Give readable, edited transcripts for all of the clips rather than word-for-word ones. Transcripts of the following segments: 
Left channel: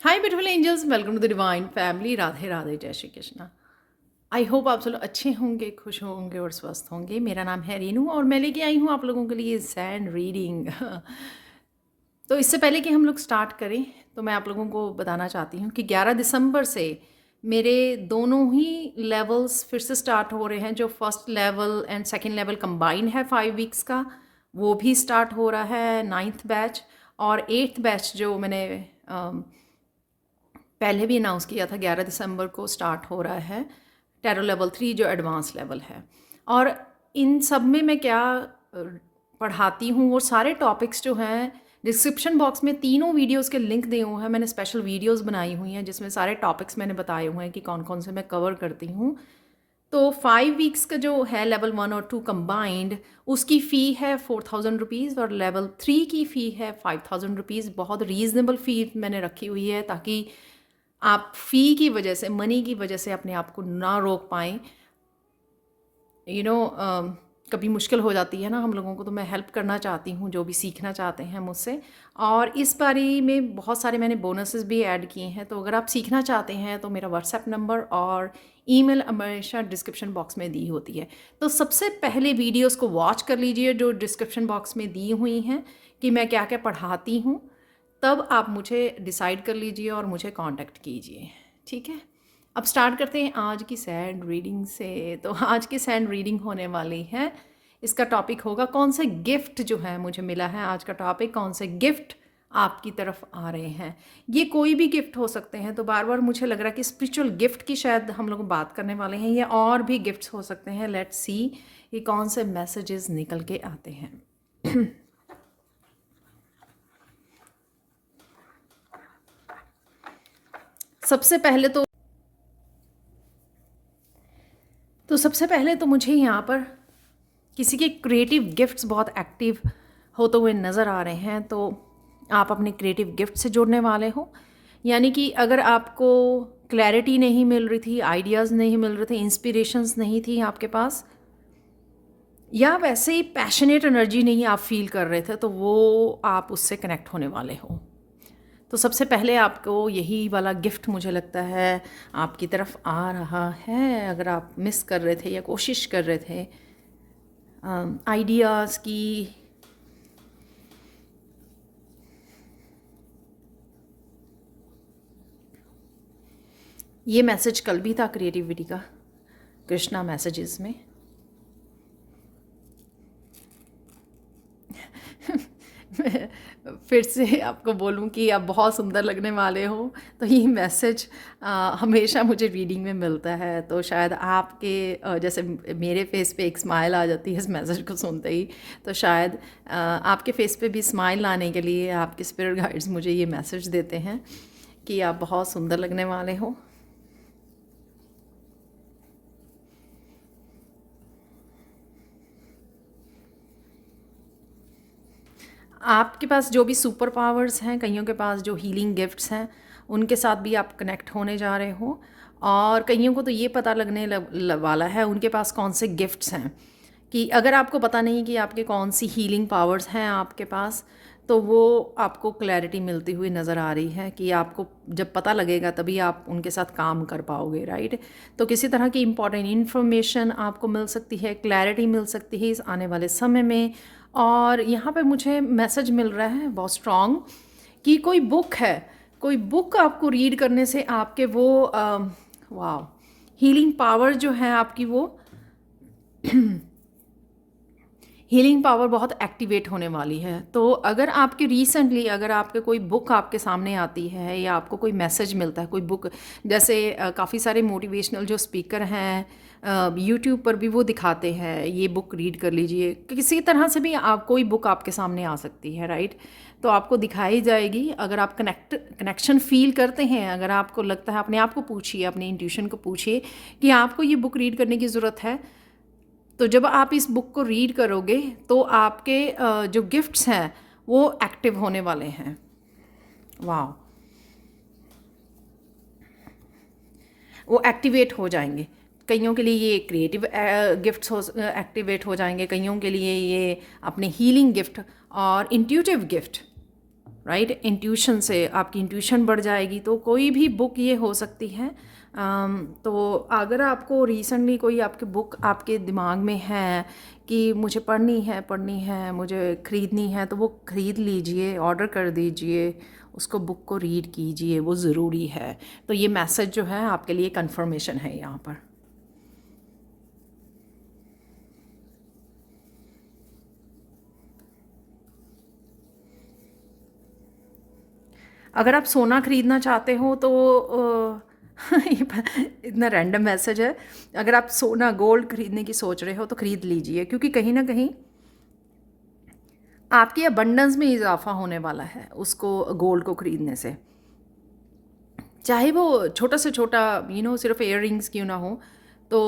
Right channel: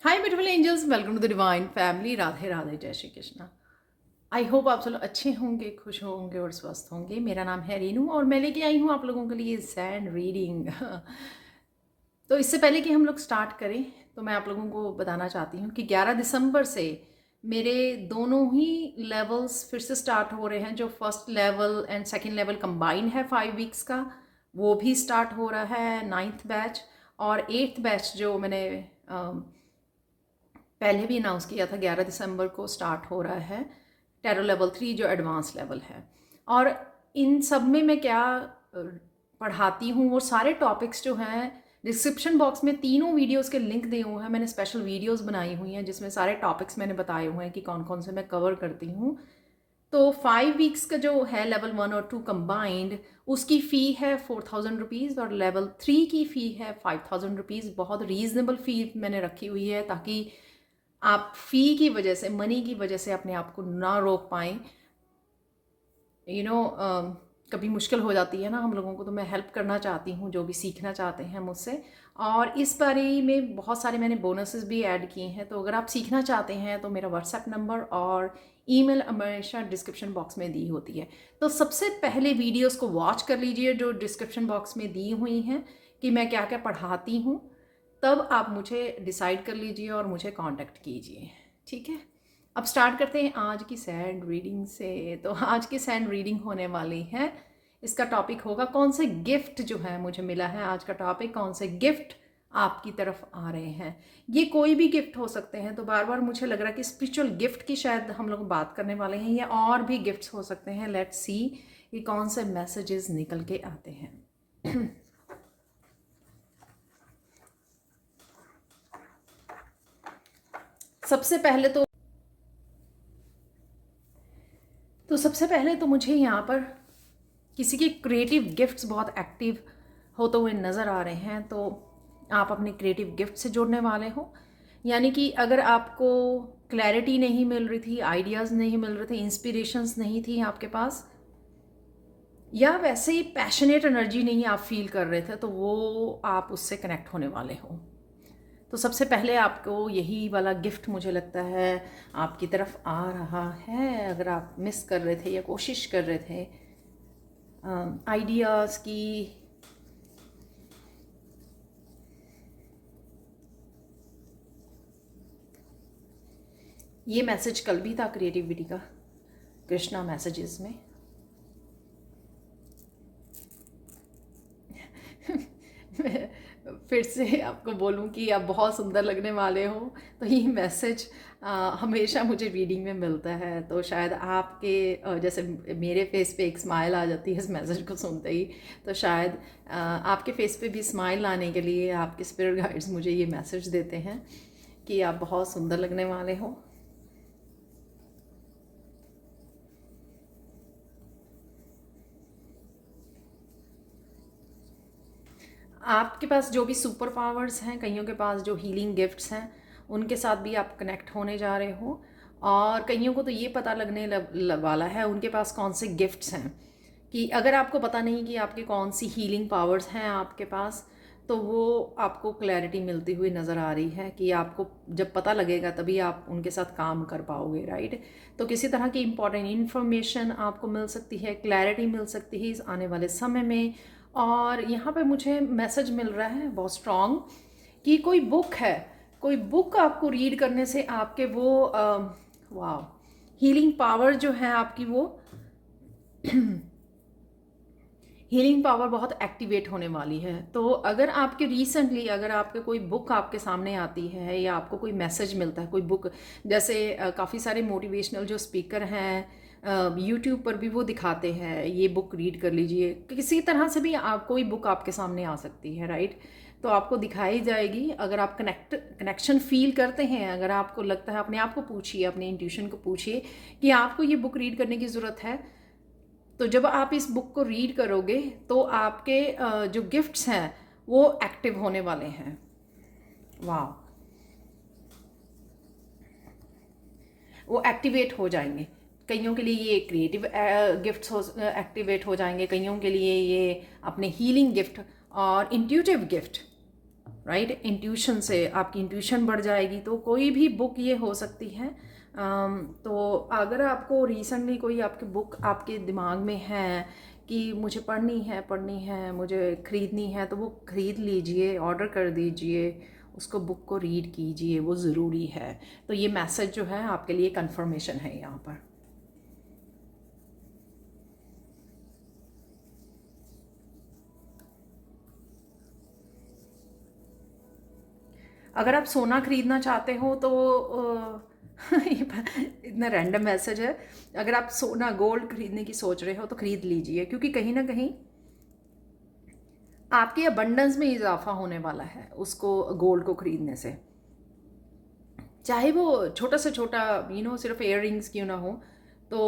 Hi beautiful angels, welcome to the divine family. Radhe Radhe, जय Shri Krishna. I hope आप सब लोग अच्छे होंगे, खुश होंगे और स्वस्थ होंगे। मेरा नाम है रीनू और मैं लेके आई हूँ आप लोगों के लिए सैंड रीडिंग। तो इससे पहले कि हम लोग स्टार्ट करें तो मैं आप लोगों को बताना चाहती हूँ कि 11 दिसंबर से मेरे दोनों ही लेवल्स फिर से स्टार्ट हो रहे हैं। जो first level and second level combine है 5 वीक्स का, वो भी स्टार्ट हो रहा है, 9th बैच। और 8th बैच जो मैंने पहले भी अनाउंस किया था, 11 दिसंबर को स्टार्ट हो रहा है, टैरो लेवल 3 जो एडवांस लेवल है। और इन सब में मैं क्या पढ़ाती हूँ, वो सारे टॉपिक्स जो हैं डिस्क्रिप्शन बॉक्स में तीनों वीडियोस के लिंक दिए हुए हैं। मैंने स्पेशल वीडियोस बनाई हुई हैं जिसमें सारे टॉपिक्स मैंने बताए हुए हैं कि कौन कौन से मैं कवर करती हूँ। तो 5 वीक्स का जो है लेवल 1 और 2 कंबाइंड, उसकी फ़ी है 4000 रुपीज़ और लेवल 3 की फ़ी है 5000 रुपीज़। बहुत रीज़नेबल फ़ी मैंने रखी हुई है ताकि आप फ़ी की वजह से, मनी की वजह से अपने आप को ना रोक पाएँ। यू नो कभी मुश्किल हो जाती है ना हम लोगों को, तो मैं हेल्प करना चाहती हूँ जो भी सीखना चाहते हैं मुझसे। और इस बारी में बहुत सारे मैंने बोनसेस भी ऐड किए हैं, तो अगर आप सीखना चाहते हैं तो मेरा व्हाट्सएप नंबर और ईमेल हमेशा डिस्क्रिप्शन बॉक्स में दी होती है। तो सबसे पहले वीडियोस को वॉच कर लीजिए जो डिस्क्रिप्शन बॉक्स में दी हुई हैं कि मैं क्या क्या पढ़ाती हूँ, तब आप मुझे डिसाइड कर लीजिए और मुझे कांटेक्ट कीजिए। ठीक है, अब स्टार्ट करते हैं आज की सैंड रीडिंग से। तो आज की सैंड रीडिंग होने वाली है, इसका टॉपिक होगा कौन से गिफ्ट जो है मुझे मिला है। आज का टॉपिक कौन से गिफ्ट आपकी तरफ आ रहे हैं। ये कोई भी गिफ्ट हो सकते हैं, तो बार बार मुझे लग रहा है कि स्पिरिचुअल गिफ्ट की शायद हम लोग बात करने वाले हैं, या और भी गिफ्ट्स हो सकते हैं। लेट्स सी ये कौन से मैसेजेस निकल के आते हैं। सबसे पहले सबसे पहले तो मुझे यहाँ पर किसी के क्रिएटिव गिफ्ट्स बहुत एक्टिव होते हुए नज़र आ रहे हैं। तो आप अपने क्रिएटिव गिफ्ट से जुड़ने वाले हो, यानी कि अगर आपको क्लैरिटी नहीं मिल रही थी, आइडियाज़ नहीं मिल रहे थे, इंस्पिरेशंस नहीं थी आपके पास, या वैसे ही पैशनेट एनर्जी नहीं आप फील कर रहे थे, तो वो आप उससे कनेक्ट होने वाले हो। तो सबसे पहले आपको यही वाला गिफ्ट मुझे लगता है आपकी तरफ आ रहा है। अगर आप मिस कर रहे थे या कोशिश कर रहे थे आइडियाज़ की, ये मैसेज कल भी था क्रिएटिविटी का, कृष्णा मैसेजेस में। फिर से आपको बोलूं कि आप बहुत सुंदर लगने वाले हो, तो ये मैसेज हमेशा मुझे रीडिंग में मिलता है। तो शायद आपके जैसे मेरे फेस पे एक स्माइल आ जाती है इस मैसेज को सुनते ही, तो शायद आपके फेस पे भी स्माइल लाने के लिए आपके स्पिरिट गाइड्स मुझे ये मैसेज देते हैं कि आप बहुत सुंदर लगने वाले हो। आपके पास जो भी सुपर पावर्स हैं, कईयों के पास जो हीलिंग गिफ्ट्स हैं, उनके साथ भी आप कनेक्ट होने जा रहे हो। और कईयों को तो ये पता लगने वाला है उनके पास कौन से गिफ्ट्स हैं। कि अगर आपको पता नहीं कि आपके कौन सी हीलिंग पावर्स हैं आपके पास, तो वो आपको क्लैरिटी मिलती हुई नज़र आ रही है कि आपको जब पता लगेगा तभी आप उनके साथ काम कर पाओगे, राइट। तो किसी तरह की इंपॉर्टेंट इन्फॉर्मेशन आपको मिल सकती है, क्लैरिटी मिल सकती है इस आने वाले समय में। और यहाँ पे मुझे मैसेज मिल रहा है बहुत स्ट्रॉन्ग कि कोई बुक है, कोई बुक आपको रीड करने से आपके वो वाह, हीलिंग पावर जो है आपकी, वो हीलिंग पावर बहुत एक्टिवेट होने वाली है। तो अगर आपके रिसेंटली अगर आपके कोई बुक आपके सामने आती है या आपको कोई मैसेज मिलता है, कोई बुक, जैसे काफ़ी सारे मोटिवेशनल जो स्पीकर हैं यूट्यूब पर भी वो दिखाते हैं ये बुक रीड कर लीजिए, किसी तरह से भी आप कोई बुक आपके सामने आ सकती है, राइट। तो आपको दिखाई जाएगी। अगर आप कनेक्शन फील करते हैं, अगर आपको लगता है, अपने आप को पूछिए, अपने इंट्यूशन को पूछिए कि आपको ये बुक रीड करने की ज़रूरत है। तो जब आप इस बुक को रीड करोगे तो आपके जो गिफ्ट्स हैं वो एक्टिव होने वाले हैं। वाह, वो एक्टिवेट हो जाएंगे। कईयों के लिए ये क्रिएटिव गिफ्ट्स एक्टिवेट हो जाएंगे, कईयों के लिए ये अपने हीलिंग गिफ्ट और इंट्यूटिव गिफ्ट राइट। इंट्यूशन से आपकी इंट्यूशन बढ़ जाएगी। तो कोई भी बुक ये हो सकती है। तो अगर आपको रिसेंटली कोई आपकी बुक आपके दिमाग में है कि मुझे पढ़नी है, मुझे ख़रीदनी है, तो वो ख़रीद लीजिए, ऑर्डर कर दीजिए, उसको बुक को रीड कीजिए, वो ज़रूरी है। तो ये मैसेज जो है आपके लिए कंफर्मेशन है यहाँ पर। अगर आप सोना खरीदना चाहते हो तो इतना रैंडम मैसेज है। अगर आप सोना गोल्ड खरीदने की सोच रहे हो तो खरीद लीजिए, क्योंकि कहीं ना कहीं आपकी अबंडेंस में इजाफा होने वाला है उसको गोल्ड को खरीदने से। चाहे वो छोटा से छोटा सिर्फ इयर रिंग्स क्यों ना हो। तो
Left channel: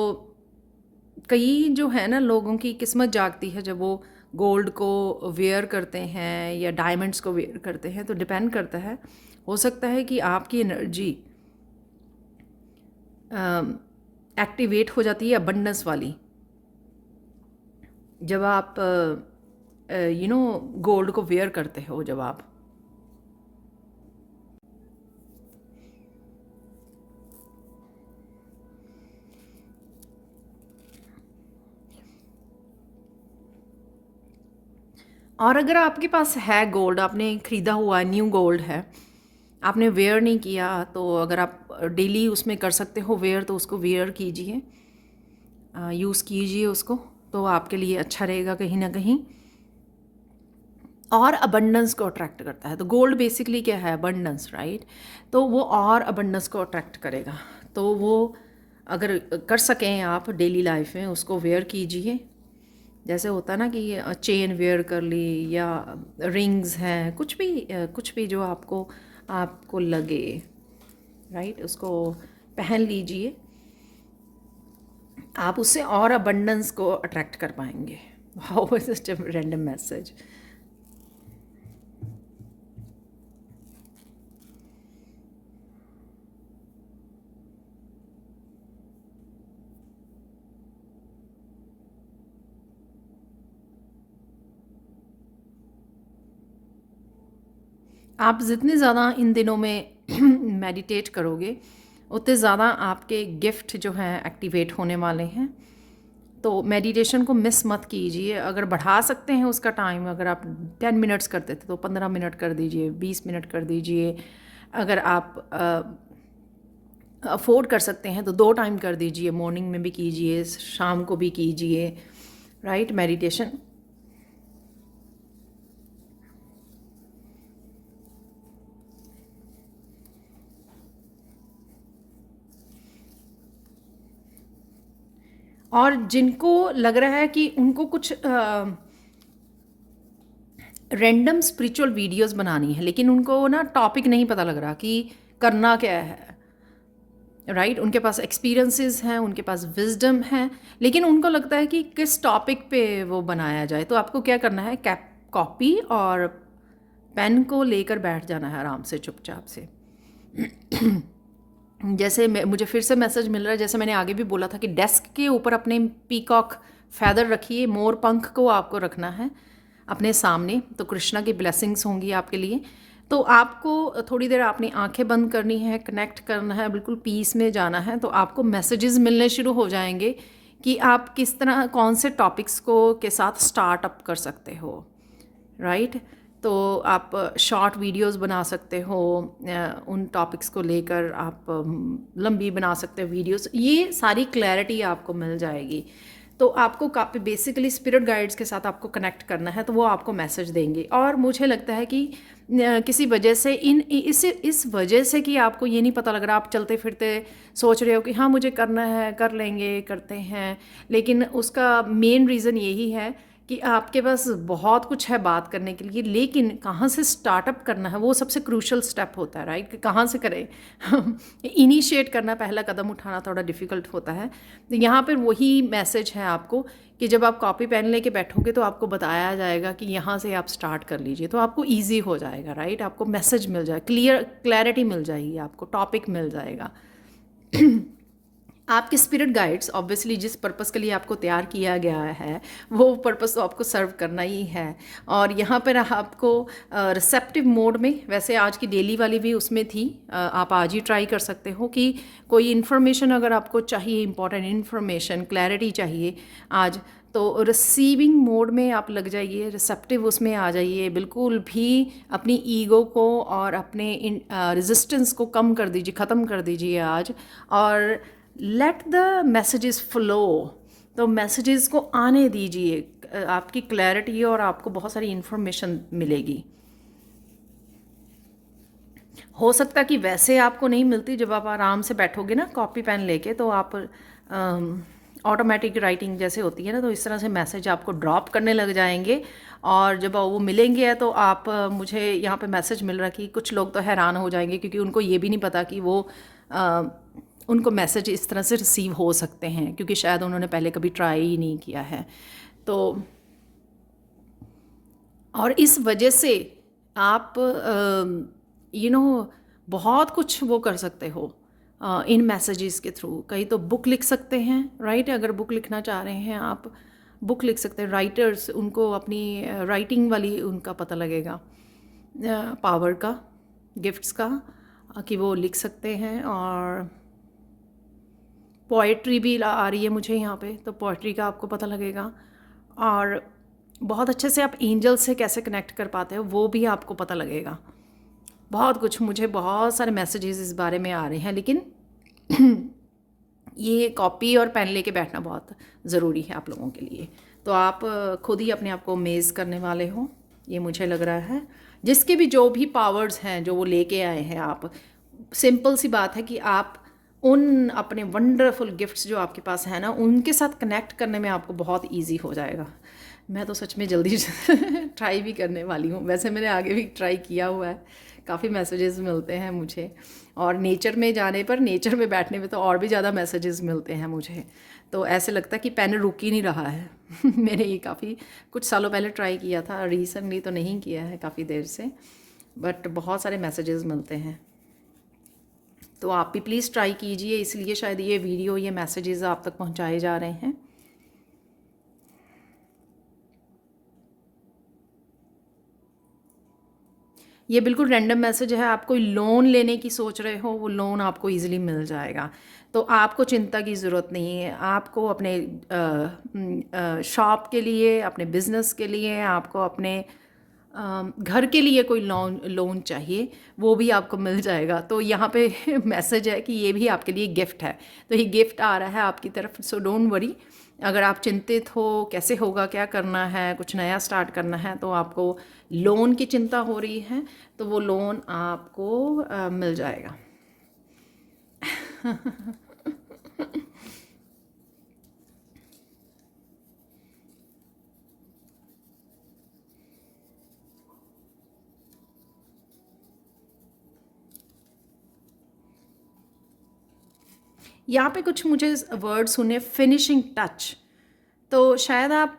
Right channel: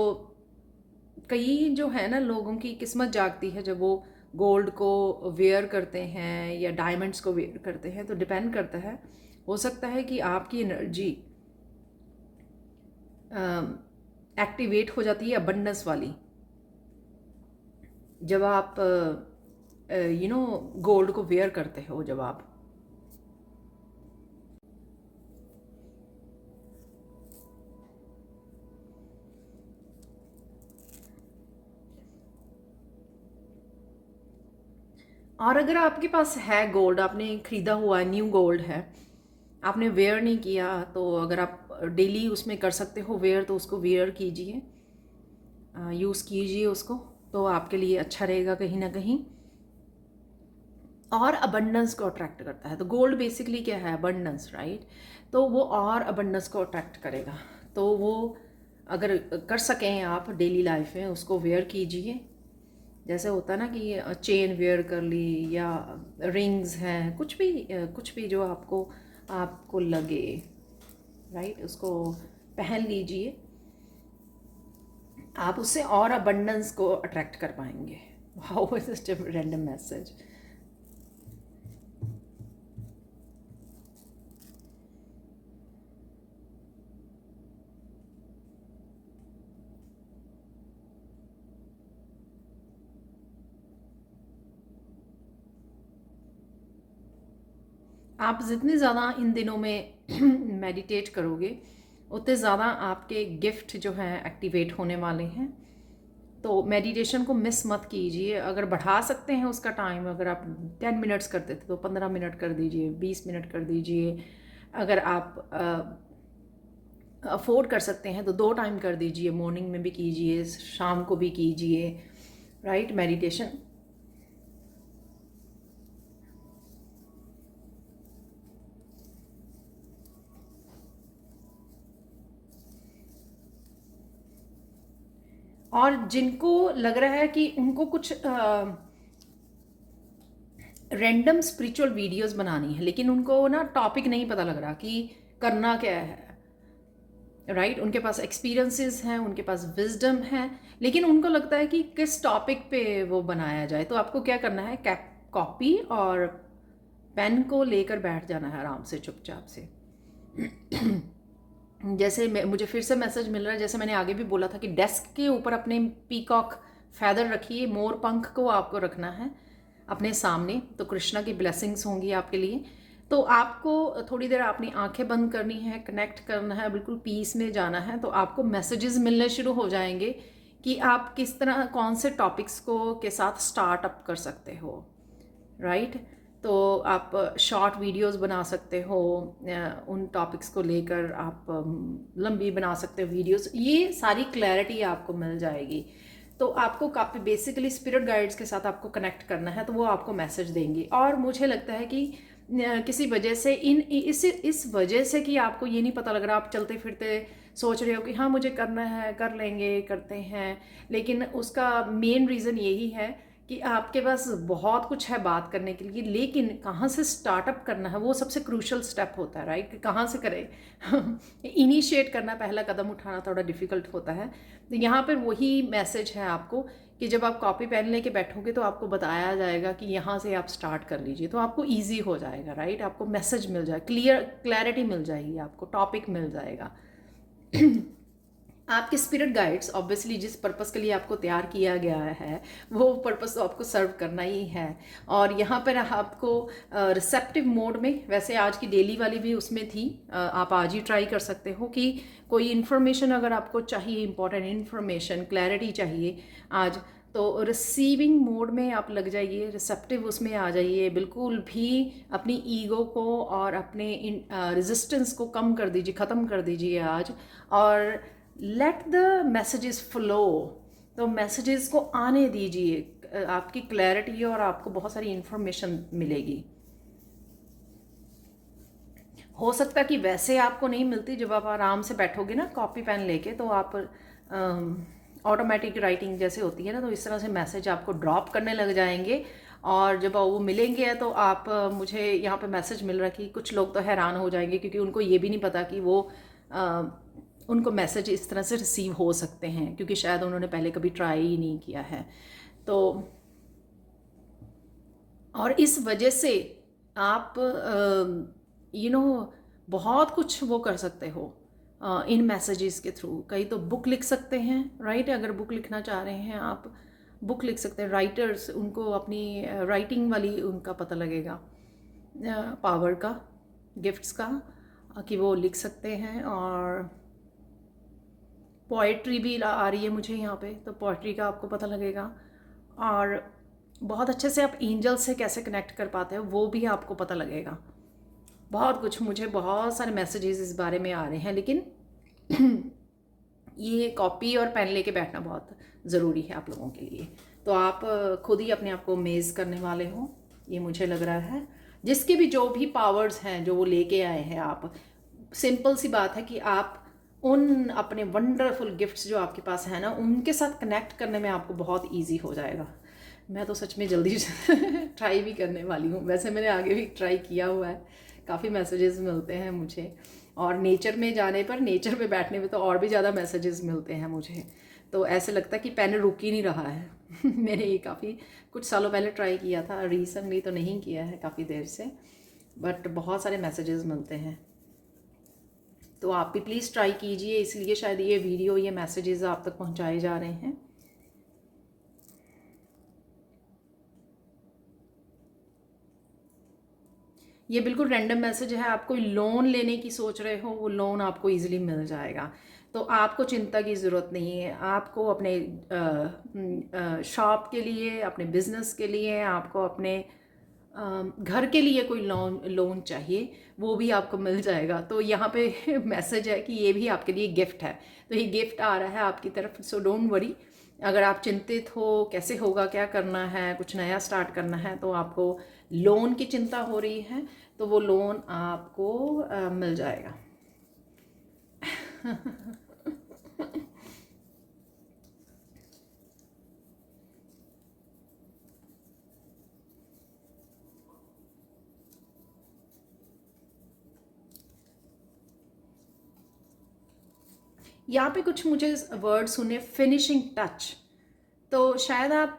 कई जो है ना लोगों की किस्मत जागती है जब वो गोल्ड को वेयर करते हैं या डायमंड्स को वेयर करते हैं। तो डिपेंड करता है, हो सकता है कि आपकी एनर्जी एक्टिवेट हो जाती है अबंडेंस वाली जब आप गोल्ड को वेयर करते हो। जब आप और अगर आपके पास है गोल्ड, आपने ख़रीदा हुआ न्यू गोल्ड है, आपने वेयर नहीं किया, तो अगर आप डेली उसमें कर सकते हो वेयर तो उसको वेयर कीजिए, यूज़ कीजिए उसको। तो आपके लिए अच्छा रहेगा कहीं ना कहीं। और अबंडेंस को अट्रैक्ट करता है। तो गोल्ड बेसिकली क्या है? Abundance, right. तो वो और अबंडेंस को अट्रैक्ट करेगा। तो वो अगर कर सकें आप डेली लाइफ में उसको वेयर कीजिए। जैसे होता है ना कि चेन वेयर कर ली या रिंग्स हैं, कुछ भी जो आपको आपको लगे, राइट, उसको पहन लीजिए। आप उससे और अबंडेंस को अट्रैक्ट कर पाएंगे। Wow, just a random message. आप जितने ज़्यादा इन दिनों में मेडिटेट करोगे उतने ज़्यादा आपके गिफ्ट जो हैं एक्टिवेट होने वाले हैं। तो मेडिटेशन को मिस मत कीजिए। अगर बढ़ा सकते हैं उसका टाइम, अगर आप 10 मिनट्स करते थे तो 15 मिनट कर दीजिए, 20 मिनट कर दीजिए। अगर आप अफोर्ड कर सकते हैं तो 2 टाइम कर दीजिए, मॉर्निंग में भी कीजिए, शाम को भी कीजिए, राइट, मेडिटेशन। और जिनको लग रहा है कि उनको कुछ रैंडम स्पिरिचुअल वीडियोस बनानी है लेकिन उनको ना टॉपिक नहीं पता लग रहा कि करना क्या है, राइट, उनके पास एक्सपीरियंसेस हैं, उनके पास विजडम है, लेकिन उनको लगता है कि किस टॉपिक पे वो बनाया जाए। तो आपको क्या करना है, कैप कॉपी और पेन को लेकर बैठ जाना है आराम से, चुपचाप से। जैसे मुझे फिर से मैसेज मिल रहा है, जैसे मैंने आगे भी बोला था कि डेस्क के ऊपर अपने पीकॉक फैदर रखिए, मोर पंख को आपको रखना है अपने सामने। तो कृष्णा की ब्लेसिंग्स होंगी आपके लिए। तो आपको थोड़ी देर अपनी आंखें बंद करनी है, कनेक्ट करना है, बिल्कुल पीस में जाना है। तो आपको मैसेजेस मिलने शुरू हो जाएंगे कि आप किस तरह कौन से टॉपिक्स को के साथ स्टार्ट अप कर सकते हो, राइट। तो आप शॉर्ट वीडियोस बना सकते हो, उन टॉपिक्स को लेकर आप लंबी बना सकते हो वीडियोस। ये सारी क्लैरिटी आपको मिल जाएगी। तो आपको काफ़ी बेसिकली स्पिरिट गाइड्स के साथ आपको कनेक्ट करना है, तो वो आपको मैसेज देंगे। और मुझे लगता है कि किसी वजह से इस वजह से कि आपको ये नहीं पता लग रहा, आप चलते फिरते सोच रहे हो कि हाँ मुझे करना है, कर लेंगे, करते हैं, लेकिन उसका मेन रीज़न यही है कि आपके पास बहुत कुछ है बात करने के लिए, लेकिन कहाँ से स्टार्टअप करना है वो सबसे क्रूशल स्टेप होता है, राइट, कि कहाँ से करें। इनिशिएट करना, पहला कदम उठाना थोड़ा डिफ़िकल्ट होता है। तो यहाँ पर वही मैसेज है आपको कि जब आप कॉपी पेन लेके बैठोगे तो आपको बताया जाएगा कि यहाँ से आप स्टार्ट कर लीजिए, तो आपको ईजी हो जाएगा, राइट। आपको मैसेज मिल जाए, क्लियरिटी मिल जाएगी, आपको टॉपिक मिल जाएगा। आपके स्पिरिट गाइड्स ऑब्वियसली जिस पर्पस के लिए आपको तैयार किया गया है वो पर्पस तो आपको सर्व करना ही है। और यहाँ पर आपको रिसेप्टिव मोड में, वैसे आज की डेली वाली भी उसमें थी, आप आज ही ट्राई कर सकते हो कि कोई इन्फॉर्मेशन अगर आपको चाहिए, इंपॉर्टेंट इन्फॉर्मेशन, क्लैरिटी चाहिए आज, तो रिसीविंग मोड में आप लग जाइए, रिसेप्टिव उसमें आ जाइए, बिल्कुल भी अपनी ईगो को और अपने रेजिस्टेंस को कम कर दीजिए, ख़त्म कर दीजिए आज, और लेट द मैसेजेस फ्लो। तो मैसेजेस को आने दीजिए, आपकी क्लैरिटी और आपको बहुत सारी इन्फॉर्मेशन मिलेगी। हो सकता है कि वैसे आपको नहीं मिलती, जब आप आराम से बैठोगे ना कॉपी पेन लेके, तो आप ऑटोमेटिक राइटिंग जैसे होती है ना, तो इस तरह से मैसेज आपको ड्रॉप करने लग जाएंगे। और जब वो मिलेंगे तो आप मुझे यहाँ पे मैसेज मिल रहा है कि कुछ लोग तो हैरान हो जाएंगे, क्योंकि उनको ये भी नहीं पता कि वो उनको मैसेज इस तरह से रिसीव हो सकते हैं, क्योंकि शायद उन्होंने पहले कभी ट्राई ही नहीं किया है। तो और इस वजह से आप बहुत कुछ वो कर सकते हो इन मैसेजेस के थ्रू। कहीं तो बुक लिख सकते हैं, राइट? अगर बुक लिखना चाह रहे हैं आप, बुक लिख सकते हैं। राइटर्स, उनको अपनी राइटिंग वाली उनका पता लगेगा, पावर का, गिफ्ट्स का, कि वो लिख सकते हैं। और पोइट्री भी आ रही है मुझे यहाँ पे, तो पोइट्री का आपको पता लगेगा। और बहुत अच्छे से आप एंजल से कैसे कनेक्ट कर पाते हो वो भी आपको पता लगेगा। बहुत कुछ, मुझे बहुत सारे मैसेजेस इस बारे में आ रहे हैं, लेकिन ये कॉपी और पेन लेके बैठना बहुत ज़रूरी है आप लोगों के लिए। तो आप खुद ही अपने आप को अमेज़ करने वाले हो, ये मुझे लग रहा है। जिसके भी जो भी पावर्स हैं जो वो लेके आए हैं, आप, सिंपल सी बात है कि आप उन अपने वंडरफुल गिफ्ट्स जो आपके पास है ना, उनके साथ कनेक्ट करने में आपको बहुत इजी हो जाएगा। मैं तो सच में जल्दी ट्राई भी करने वाली हूँ। वैसे मैंने आगे भी ट्राई किया हुआ है, काफ़ी मैसेजेस मिलते हैं मुझे। और नेचर में जाने पर, नेचर में बैठने में तो और भी ज़्यादा मैसेजेस मिलते हैं मुझे। तो ऐसे लगता है कि पेन रुक ही नहीं रहा है। मैंने ये काफ़ी कुछ सालों पहले ट्राई किया था, रिसेंटली तो नहीं किया है काफ़ी देर से, बट बहुत सारे मैसेजेस मिलते हैं। तो आप भी प्लीज़ ट्राई कीजिए, इसलिए शायद ये वीडियो, ये मैसेजेस आप तक पहुंचाए जा रहे हैं। ये बिल्कुल रैंडम मैसेज है। आप कोई लोन लेने की सोच रहे हो, वो लोन आपको इजीली मिल जाएगा। तो आपको चिंता की ज़रूरत नहीं है। आपको अपने शॉप के लिए, अपने बिजनेस के लिए, आपको अपने घर के लिए कोई लोन चाहिए, वो भी आपको मिल जाएगा। तो यहाँ पे मैसेज है कि ये भी आपके लिए गिफ्ट है। तो ये गिफ्ट आ रहा है आपकी तरफ, सो डोंट वरी। अगर आप चिंतित हो कैसे होगा, क्या करना है, कुछ नया स्टार्ट करना है, तो आपको लोन की चिंता हो रही है, तो वो लोन आपको मिल जाएगा। यहाँ पे कुछ मुझे वर्ड सुने, फिनिशिंग टच। तो शायद आप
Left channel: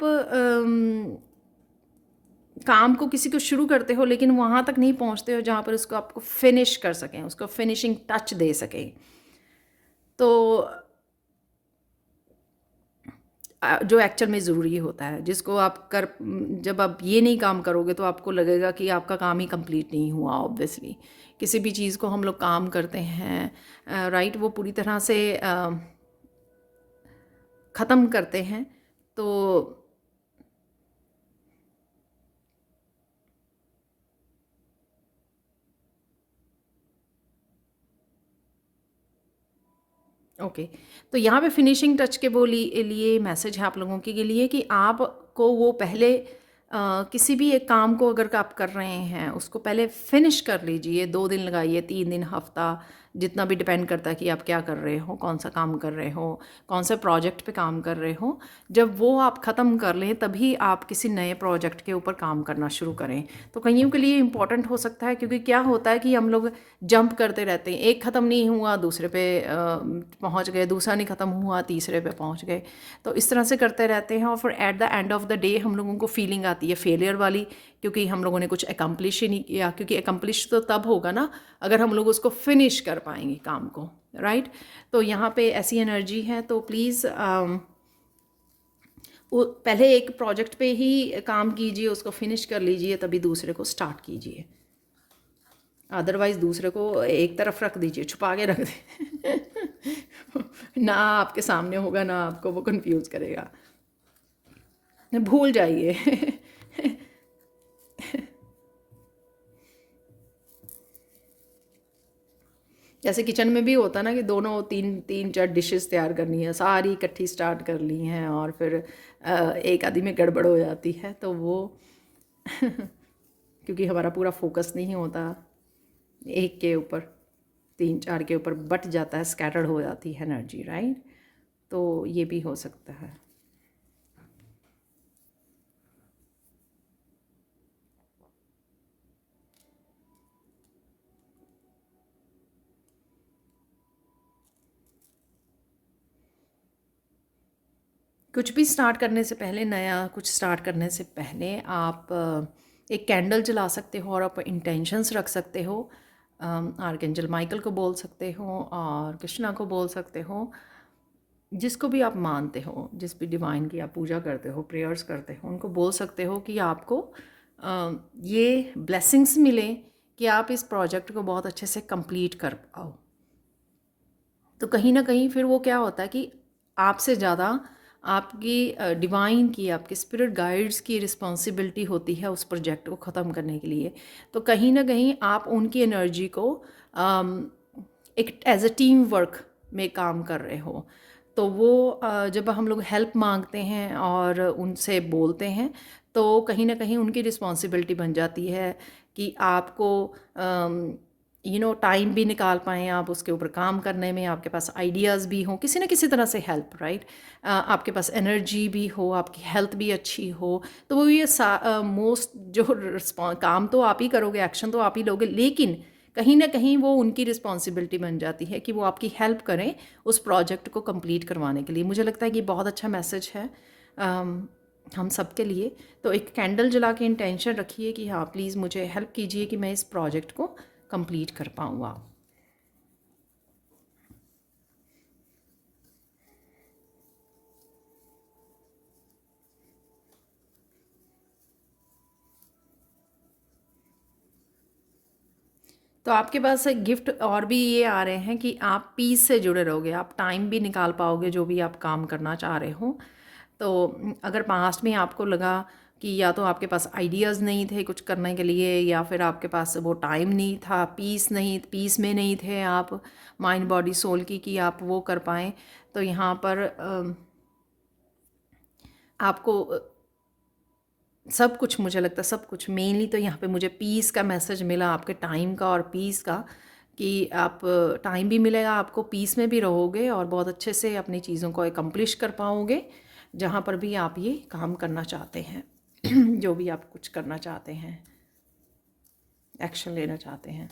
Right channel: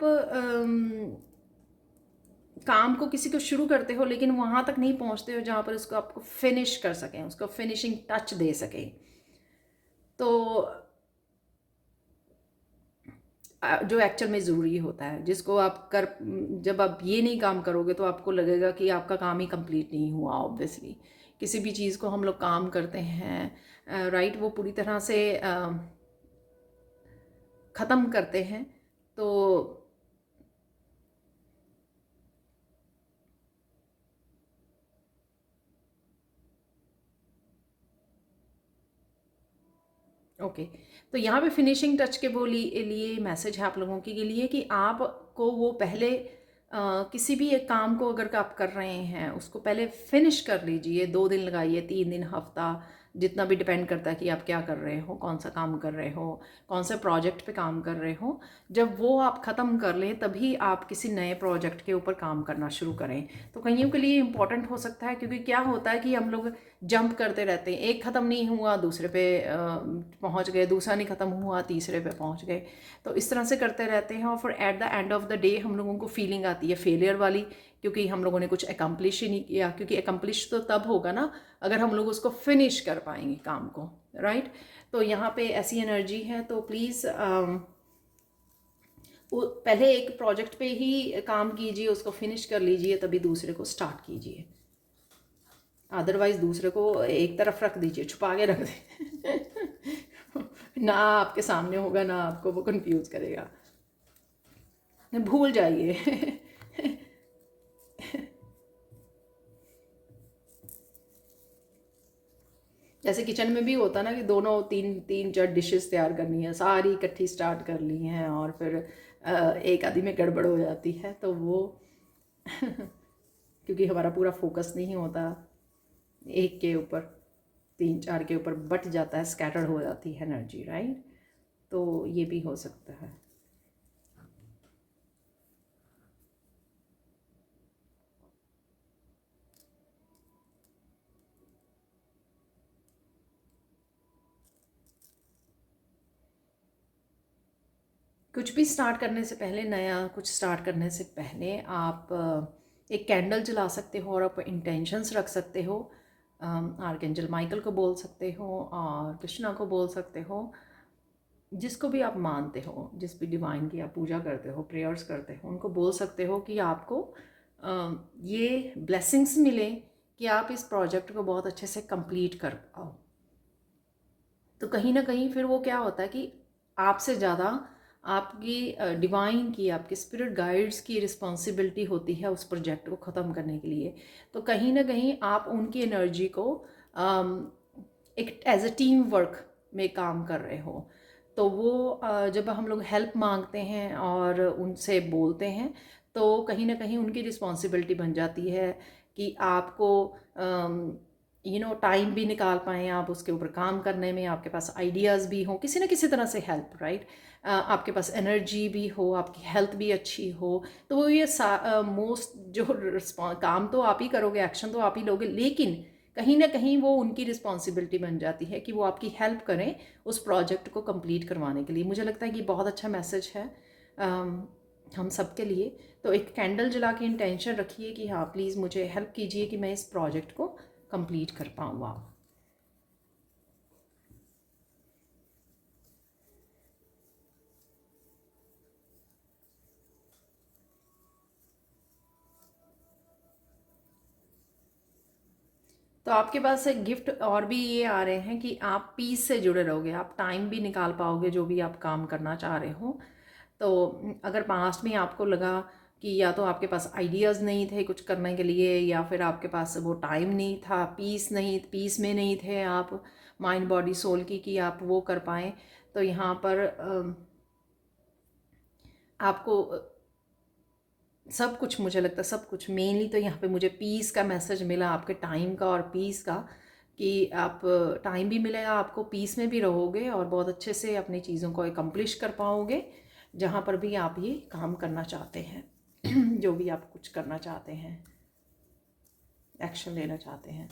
काम को, किसी को शुरू करते हो लेकिन वहाँ तक नहीं पहुँचते हो जहाँ पर उसको आपको फिनिश कर सकें, उसको फिनिशिंग टच दे सकें। तो जो एक्चुअल में ज़रूरी होता है, जिसको आप कर, जब आप ये नहीं काम करोगे तो आपको लगेगा कि आपका काम ही कंप्लीट नहीं हुआ। ऑब्वियसली किसी भी चीज़ को हम लोग काम करते हैं, राइट, वो पूरी तरह से ख़त्म करते हैं। तो ओके, तो यहाँ पे फिनिशिंग टच के वो लिए मैसेज है आप लोगों के लिए कि आपको वो पहले किसी भी एक काम को अगर आप कर रहे हैं, उसको पहले फिनिश कर लीजिए। 2 दिन लगाइए, 3 दिन, हफ्ता, जितना भी डिपेंड करता है कि आप क्या कर रहे हो, कौन सा काम कर रहे हो, कौन से प्रोजेक्ट पे काम कर रहे हो। जब वो आप ख़त्म कर लें तभी आप किसी नए प्रोजेक्ट के ऊपर काम करना शुरू करें। तो कईयों के लिए इम्पॉर्टेंट हो सकता है, क्योंकि क्या होता है कि हम लोग जंप करते रहते हैं, एक ख़त्म नहीं हुआ दूसरे पे पहुंच गए, दूसरा नहीं ख़त्म हुआ तीसरे पे पहुंच गए। तो इस तरह से करते रहते हैं, और फिर at the end of the day हम लोगों को फीलिंग आती है फेलियर वाली, क्योंकि हम लोगों ने कुछ एकम्प्लिश ही नहीं किया, क्योंकि एकम्प्लिश तो तब होगा ना अगर हम लोग उसको फिनिश कर पाएंगे काम को, राइट। तो यहाँ पे ऐसी एनर्जी है, तो प्लीज़ वो पहले एक प्रोजेक्ट पे ही काम कीजिए, उसको फिनिश कर लीजिए, तभी दूसरे को स्टार्ट कीजिए। अदरवाइज दूसरे को एक तरफ रख दीजिए, छुपा के रख दे ना आपके सामने होगा ना आपको वो कंफ्यूज करेगा, भूल जाइए जैसे किचन में भी होता है ना कि दोनों तीन तीन चार डिशेस तैयार करनी है, सारी इकट्ठी स्टार्ट कर ली हैं और फिर एक आधी में गड़बड़ हो जाती है, तो वो क्योंकि हमारा पूरा फोकस नहीं होता एक के ऊपर, तीन चार के ऊपर बट जाता है, स्कैटर्ड हो जाती है एनर्जी, राइट। तो ये भी हो सकता है। कुछ भी स्टार्ट करने से पहले, नया कुछ स्टार्ट करने से पहले आप एक कैंडल जला सकते हो और आप इंटेंशंस रख सकते हो। आर्कएंजल माइकल को बोल सकते हो और कृष्णा को बोल सकते हो, जिसको भी आप मानते हो, जिस भी डिवाइन की आप पूजा करते हो, प्रेयर्स करते हो, उनको बोल सकते हो कि आपको ये ब्लेसिंग्स मिले कि आप इस प्रोजेक्ट को बहुत अच्छे से कंप्लीट कर पाओ। तो कहीं ना कहीं फिर वो क्या होता है कि आपसे ज़्यादा आपकी डिवाइन की, आपके स्पिरिट गाइड्स की रिस्पॉन्सिबिलिटी होती है उस प्रोजेक्ट को ख़त्म करने के लिए। तो कहीं ना कहीं आप उनकी एनर्जी को एक एज अ टीम वर्क में काम कर रहे हो। तो वो जब हम लोग हेल्प मांगते हैं और उनसे बोलते हैं, तो कहीं ना कहीं उनकी रिस्पॉन्सिबिलिटी बन जाती है कि आपको टाइम भी निकाल पाएँ आप उसके ऊपर काम करने में, आपके पास आइडियाज़ भी हों, किसी न किसी तरह से हेल्प, राइट। आपके पास एनर्जी भी हो, आपकी हेल्थ भी अच्छी हो, तो वो ये मोस्ट जो काम तो आप ही करोगे, एक्शन तो आप ही लोगे, लेकिन कहीं ना कहीं वो उनकी रिस्पॉन्सिबिलिटी बन जाती है कि वो आपकी हेल्प करें उस प्रोजेक्ट को कंप्लीट करवाने के लिए। मुझे लगता है कि बहुत अच्छा मैसेज है हम सब के लिए। तो एक कैंडल जला के इंटेंशन रखिए कि हाँ प्लीज़ मुझे हेल्प कीजिए कि मैं इस प्रोजेक्ट को कंप्लीट कर पाऊँ आप। तो आपके पास एक गिफ्ट और भी ये आ रहे हैं कि आप पीस से जुड़े रहोगे, आप टाइम भी निकाल पाओगे जो भी आप काम करना चाह रहे हो। तो अगर पास्ट में आपको लगा कि या तो आपके पास आइडियाज़ नहीं थे कुछ करने के लिए, या फिर आपके पास वो टाइम नहीं था, पीस में नहीं थे आप, माइंड बॉडी सोल की, कि आप वो कर पाएँ, तो यहाँ पर आपको सब कुछ, मुझे लगता है सब कुछ, मेनली तो यहाँ पे मुझे पीस का मैसेज मिला, आपके टाइम का और पीस का, कि आप टाइम भी मिलेगा आपको, पीस में भी रहोगे और बहुत अच्छे से अपनी चीज़ों को एकम्प्लिश कर पाओगे जहाँ पर भी आप ये काम करना चाहते हैं जो भी आप कुछ करना चाहते हैं, एक्शन लेना चाहते हैं।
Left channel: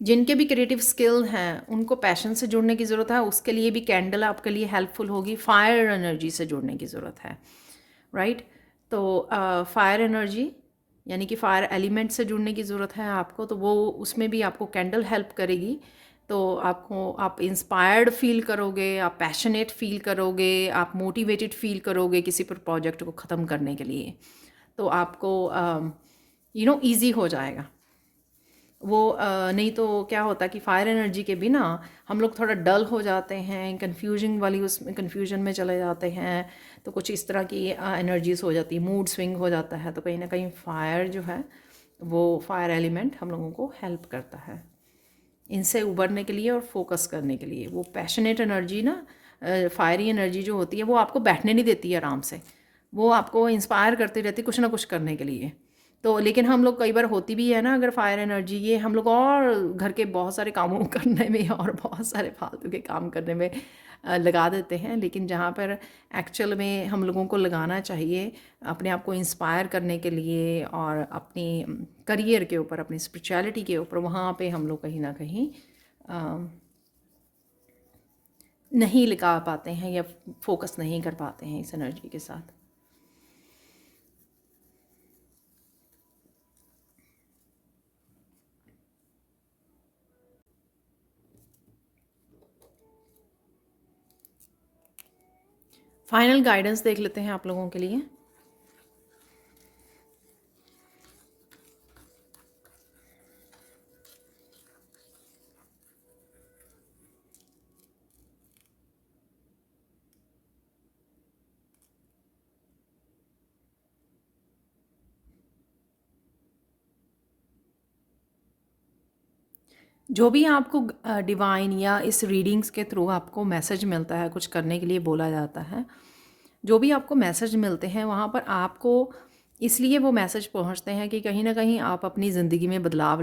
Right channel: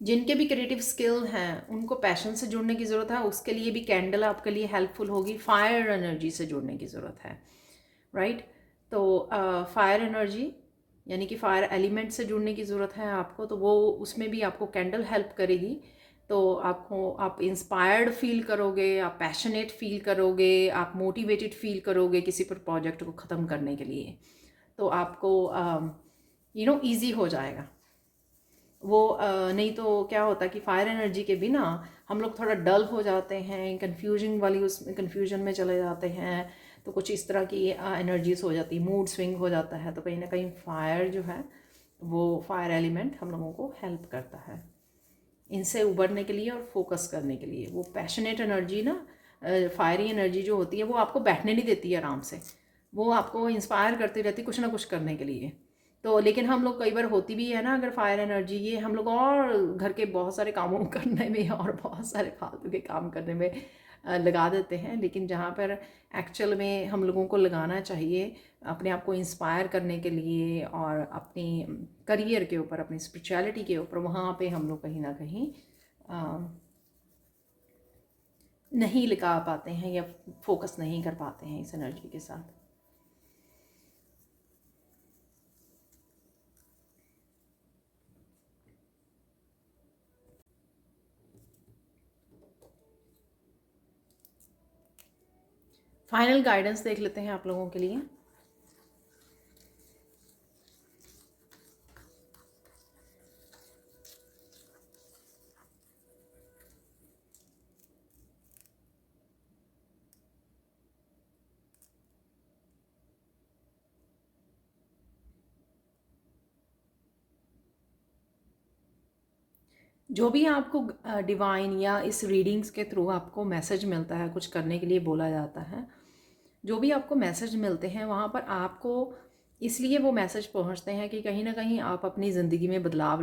जिनके भी क्रिएटिव स्किल हैं उनको पैशन से जुड़ने की ज़रूरत है, उसके लिए भी कैंडल आपके लिए हेल्पफुल होगी। फायर एनर्जी से जुड़ने की ज़रूरत है, राइट। तो फायर एनर्जी यानी कि फायर एलिमेंट से जुड़ने की ज़रूरत है आपको, तो वो उसमें भी आपको कैंडल हेल्प करेगी। तो आप इंस्पायर्ड फील करोगे, आप पैशनेट फील करोगे, आप मोटिवेटेड फील करोगे किसी पर प्रोजेक्ट को ख़त्म करने के लिए। तो आपको ईजी हो जाएगा वो। नहीं तो क्या होता है कि फायर एनर्जी के बिना हम लोग थोड़ा डल हो जाते हैं, कन्फ्यूजन वाली उसमें कन्फ्यूजन में चले जाते हैं, तो कुछ इस तरह की एनर्जीज हो जाती है, मूड स्विंग हो जाता है। तो कहीं ना कहीं फायर जो है वो फायर एलिमेंट हम लोगों को हेल्प करता है इनसे उबरने के लिए और फोकस करने के लिए। वो पैशनेट एनर्जी ना, फायरी एनर्जी जो होती है वो आपको बैठने नहीं देती है आराम से, वो आपको इंस्पायर करती रहती है कुछ ना कुछ करने के लिए। तो लेकिन हम लोग कई बार होती भी है ना, अगर फायर एनर्जी ये हम लोग और घर के बहुत सारे कामों करने में और बहुत सारे फालतू के काम करने में लगा देते हैं। लेकिन जहाँ पर एक्चुअल में हम लोगों को लगाना चाहिए अपने आप को इंस्पायर करने के लिए और अपनी करियर के ऊपर, अपनी स्पिरिचुअलिटी के ऊपर, वहाँ पे हम लोग कहीं ना कहीं नहीं लगा पाते हैं या फोकस नहीं कर पाते हैं इस एनर्जी के साथ। फाइनल गाइडेंस देख लेते हैं आप लोगों के लिए। जो भी आपको डिवाइन या इस रीडिंग्स के थ्रू आपको मैसेज मिलता है, कुछ करने के लिए बोला जाता है, जो भी आपको मैसेज मिलते हैं वहाँ पर आपको इसलिए वो मैसेज पहुँचते हैं कि कहीं ना कहीं आप अपनी ज़िंदगी में बदलाव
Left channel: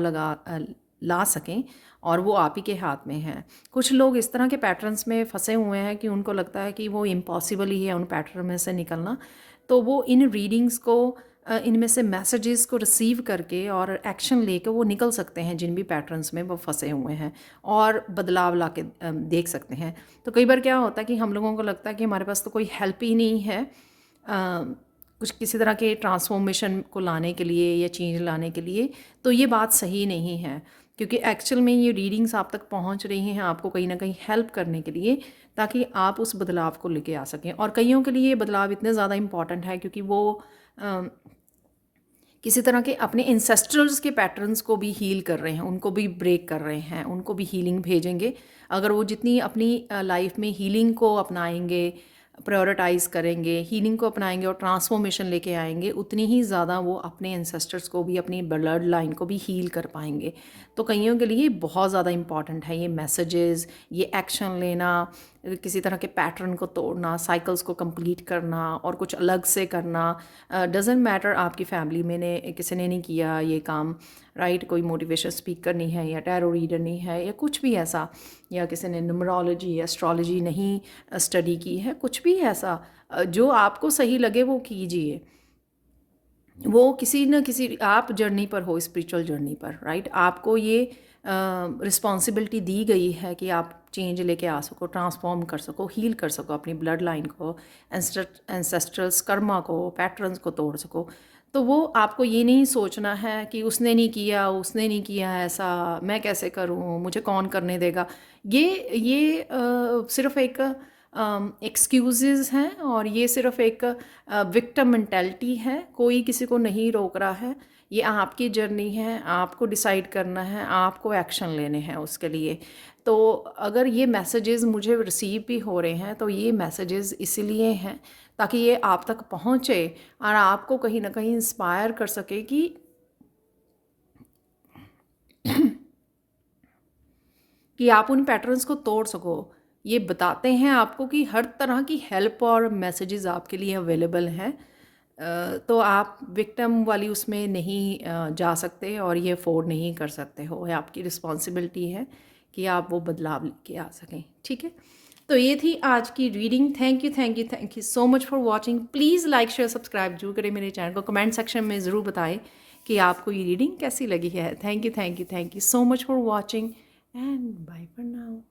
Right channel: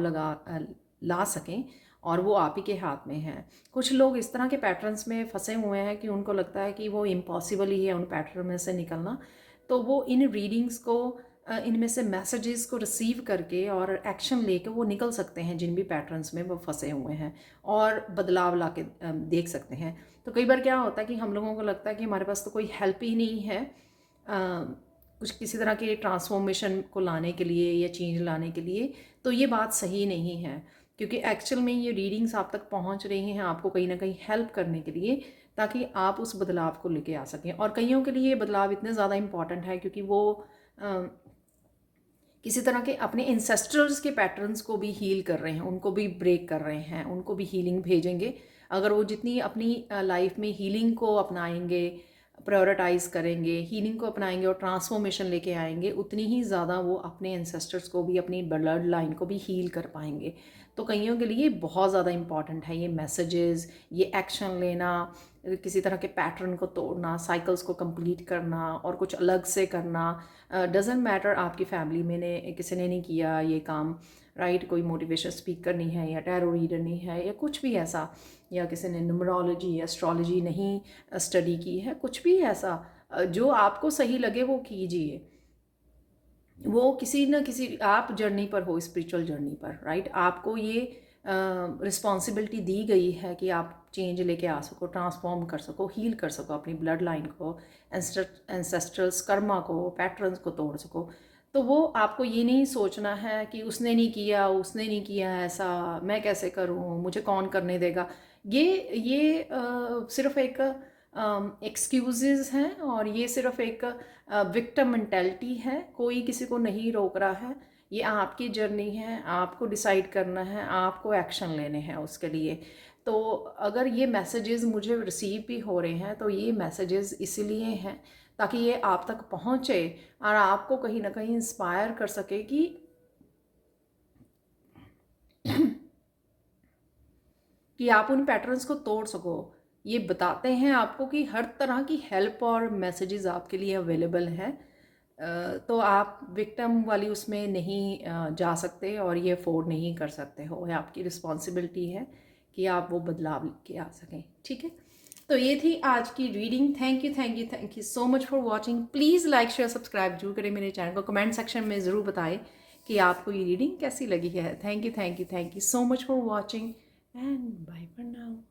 ला सकें, और वो आप ही के हाथ में है। कुछ लोग इस तरह के पैटर्न्स में फंसे हुए हैं कि उनको लगता है कि वो इम्पॉसिबल ही है उन पैटर्न में से निकलना, तो वो इन रीडिंग्स को इनमें से मैसेजेस को रिसीव करके और एक्शन लेके वो निकल सकते हैं जिन भी पैटर्न्स में वो फंसे हुए हैं, और बदलाव ला के देख सकते हैं। तो कई बार क्या होता है कि हम लोगों को लगता है कि हमारे पास तो कोई हेल्प ही नहीं है कुछ किसी तरह के ट्रांसफॉर्मेशन को लाने के लिए या चेंज लाने के लिए। तो ये बात सही नहीं है, क्योंकि एक्चुअल में ये रीडिंग्स आप तक पहुंच रही हैं आपको कहीं ना कहीं हेल्प करने के लिए, ताकि आप उस बदलाव को लेके आ सकें। और कईयों के लिए ये बदलाव इतने ज़्यादा इम्पॉर्टेंट है क्योंकि वो किसी तरह के अपने इंसेस्टर्स के पैटर्न्स को भी हील कर रहे हैं, उनको भी ब्रेक कर रहे हैं, उनको भी हीलिंग भेजेंगे। अगर वो जितनी अपनी लाइफ में हीलिंग को अपनाएंगे, प्रायोरिटाइज करेंगे, हीलिंग को अपनाएंगे और ट्रांसफॉर्मेशन लेके आएंगे, उतनी ही ज़्यादा वो अपने एंसेस्टर्स को भी, अपनी ब्लड लाइन को भी हील कर पाएंगे। तो कईयों के लिए बहुत ज़्यादा इंपॉर्टेंट है ये मैसेजेस, ये एक्शन लेना, किसी तरह के पैटर्न को तोड़ना, साइकिल्स को कंप्लीट करना और कुछ अलग से करना। डजेंट मैटर आपकी फैमिली में ने किसी ने नहीं किया ये काम, राइट? कोई मोटिवेशन स्पीकर नहीं है या टैरो रीडर नहीं है या कुछ भी ऐसा, या किसी ने न्यूमरोलॉजी या एस्ट्रोलॉजी नहीं स्टडी की है, कुछ भी ऐसा जो आपको सही लगे वो कीजिए। वो किसी न किसी आप जर्नी पर हो, स्पिरिचुअल जर्नी पर, राइट? आपको ये रिस्पॉन्सिबिलिटी दी गई है कि आप चेंज लेके आ सको, ट्रांसफॉर्म कर सको, हील कर सको अपनी ब्लड लाइन को, एंसेस्ट्रल्स कर्मा को, पैटर्न्स को तोड़ सको। तो वो आपको ये नहीं सोचना है कि उसने नहीं किया ऐसा, मैं कैसे करूँ, मुझे कौन करने देगा। ये सिर्फ एक एक्सक्यूज़ेस हैं, और ये सिर्फ एक विक्टिम मेंटालिटी है। कोई किसी को नहीं रोक रहा है, ये आपकी जर्नी है, आपको डिसाइड करना है, आपको एक्शन लेने हैं उसके लिए। तो अगर ये मैसेजेस मुझे रिसीव भी हो रहे हैं तो ये मैसेजेस इसीलिए हैं ताकि ये आप तक पहुँचे और आपको कहीं ना कहीं इंस्पायर कर सके कि आप उन पैटर्न्स को तोड़ सको। ये बताते हैं आपको कि हर तरह की हेल्प और मैसेजेस आपके लिए अवेलेबल हैं। तो आप विक्टिम वाली उसमें नहीं जा सकते और ये अफोर्ड नहीं कर सकते हो। ये आपकी रिस्पॉन्सिबिलिटी है कि आप वो बदलाव लेके आ सकें, ठीक है? तो ये थी आज की reading. Thank you so much for watching. Please like share subscribe जरूर करें मेरे चैनल को। कमेंट सेक्शन में ज़रूर बताएं कि आपको ये रीडिंग कैसी लगी है। Thank you so much for watching and bye for now.